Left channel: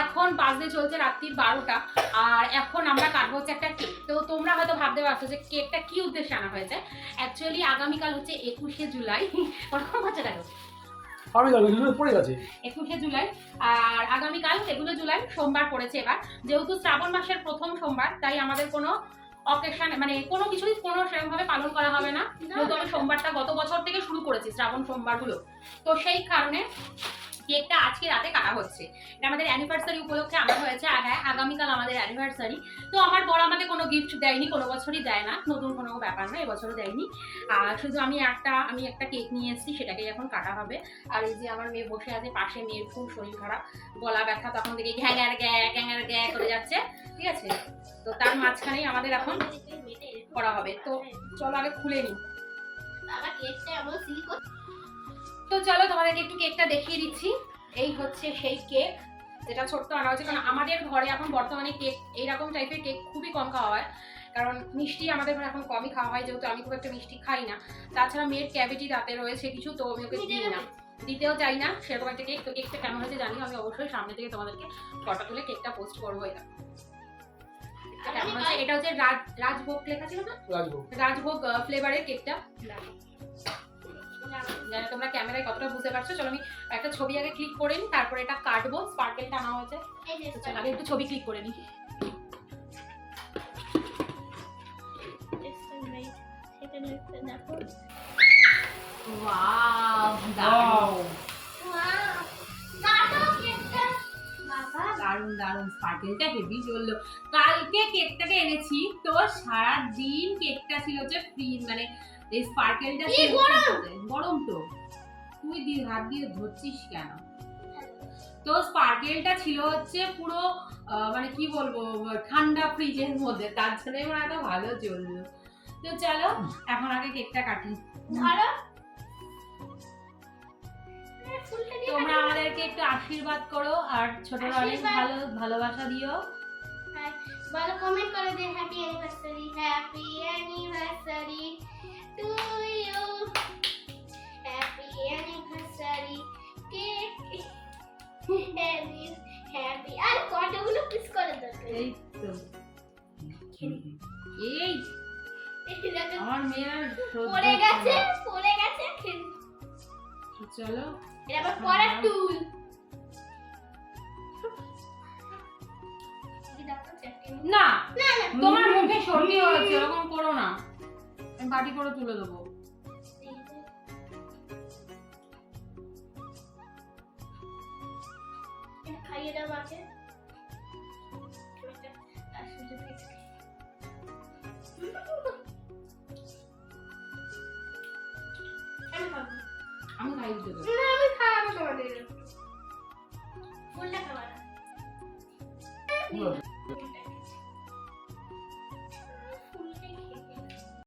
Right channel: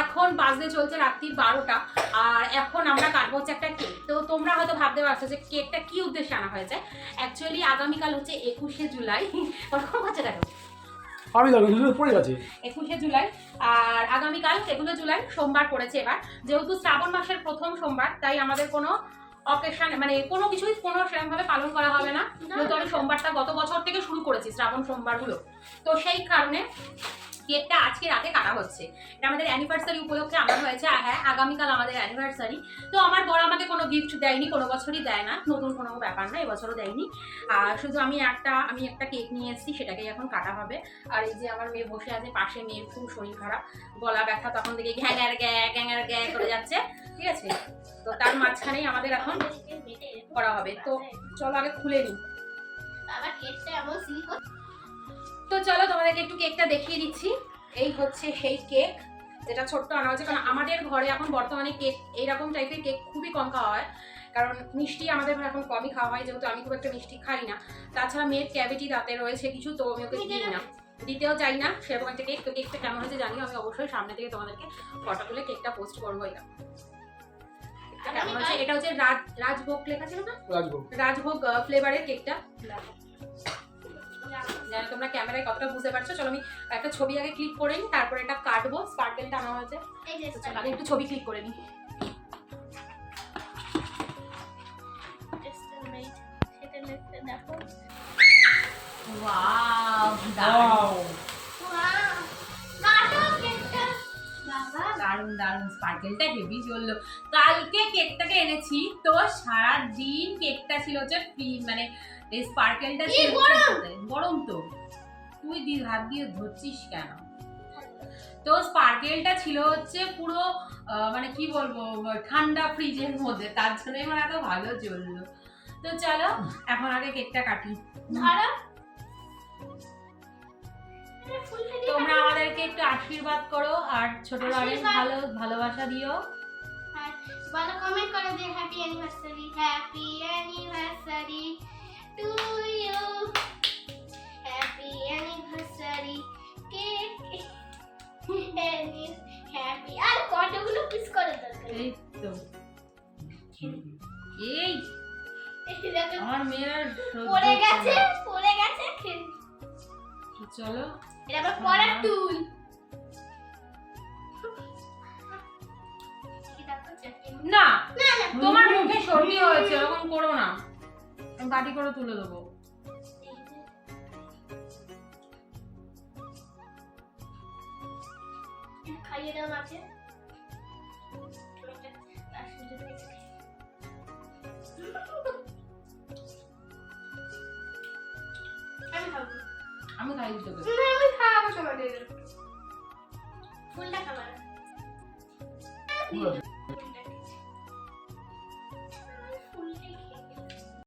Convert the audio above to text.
এখন বাজে চলছে রাত্রির 12টা, আর এখন আমরা কাটবো হচ্ছে একটা কেক। তো তোমরা হয়তো ভাবতে পারছো যে কেকটা কি উদ্দেশ্যে আনা হয়েছে। অ্যাকচুয়ালি আগামীকাল হচ্ছে 21শে জুলাই। ওরকম হচ্ছে দেখো, আমি জানি পড়ে গেছে 21শে জুলাই, আর আগামীকাল 21শে জুলাই সোমবার পড়েছে। এবার যেহেতু শ্রাবণ মাসের প্রথম সোমবার, তাই আমাদের কোনো অকেশন মানে কোনো কিছুই কোনো সেরকমভাবে পালন করা হবে না, যেহেতু আমি সোমবারটা গত বছর থেকে শুরু করেছি শ্রাবণ সোমবারগুলো। তো সেই কারণে কেকটা আজকে রাতে কাটা হচ্ছে। এটা আমাদের অ্যানিভার্সারি উপলক্ষে আনা হয়েছে। আর হ্যাঁ, আগামীকাল আমাদের অ্যানিভার্সারি। তো আমার বর আমাকে কোনো গিফট দেয়নি, কোনো বছরই দেয় না, নতুন কোনো ব্যাপার না, এবছরও দেয়নি। আর শুধু আমি একটা কেক নিয়ে এসেছি, সেটাকেই এখন কাটা হবে। আর এই যে আমার মেয়ে বসে আছে পাশে, মেয়ের খুব শরীর খারাপ, গলা ব্যথা, তখন থেকে ঘ্যাঙার গ্যা করে যাচ্ছে, ঠিক আছে? তো তার মাঝখানেই আমাদের এখন করা হবে। তো চলো আগে খুলে নিই। তো চলো তোমাদেরকে একটু কেকটা দেখিয়ে দিচ্ছি। এই হচ্ছে সেই কেক যেটা ছোট্ট আনা হয়েছে, কারণ আমাদের ঘরে এখন বর্তমানে কেক এইরকম টাইপের কেক খুবই কম খাওয়া হয়, কারণ মিষ্টি আমাদের ঘরে এখন কমই খাওয়া হয়, যেহেতু আমি খুব একটা মিষ্টি খাই না। তাছাড়া মেয়ের ক্যাভিটি রাতে রয়েছে কিছু, তো আমি ওকে দিই না, দিতেও চাই না সেরকম একটা কেক। তো কেকটা কেমন হয়েছে জানি, আমি অবশ্যই সামনে থেকে তোমাদেরকে ফটো তুলে কেকটা পোস্ট করবো। এটা কেমন হচ্ছে, এটা হচ্ছে রাজভোগ লেখা ছিল না, রাজভোগ ফ্লেভারের কেকটা। তোমরা ক্যামেরায় কতটা বুঝতে পারছো। চলো আমি একটা ছবি আগে ক্লিক করে নিই, তারপরে এটা কাটবো। স্পার্কেলটা আনা হয়েছে, আগে একটু ছবি ক্লিক করে নিই। দারুন দারুন, স্পার্কেলটা হেভি চললো। কালকে কেকটাকে এনেছি, তো সারা দিন কেকটা ছিল হচ্ছে মানে এই স্পার্কেলটা গরম। তো তুই হাত দিয়ে ধরছিস কেন? তো স্পার্কেলটা ছিল হচ্ছে পুরো মানে কি বলবো, ঠান্ডা ফ্রিজের মধ্যে, তার জন্য আমার এত ভালো চললো। তো চলো এখন আগে কেকটা কাটি। তোমরা আমাদেরকে একটু আশীর্বাদ করো, আর ছোটরা অনেক ভালোবাসা দিও। ভালো কমেন্ট করে দিও। Happy anniversary, happy anniversary to you, happy anniversary cake, happy. আর কতগুলো পিস করে দরকার? এই তো এই আমার মেয়ের পড়ে গেছে। চলো এবার পরে তুই না, তোমার মুখে সর্দি হয়েছে, এরকম করো না, আমি বাটি করে তুলে দেবো। খাইয়ে দাও মাকে। আমি খাই দিতে দেবো। না, আমি খাওয়াবো তোমাদের। ফুলটা খাবার।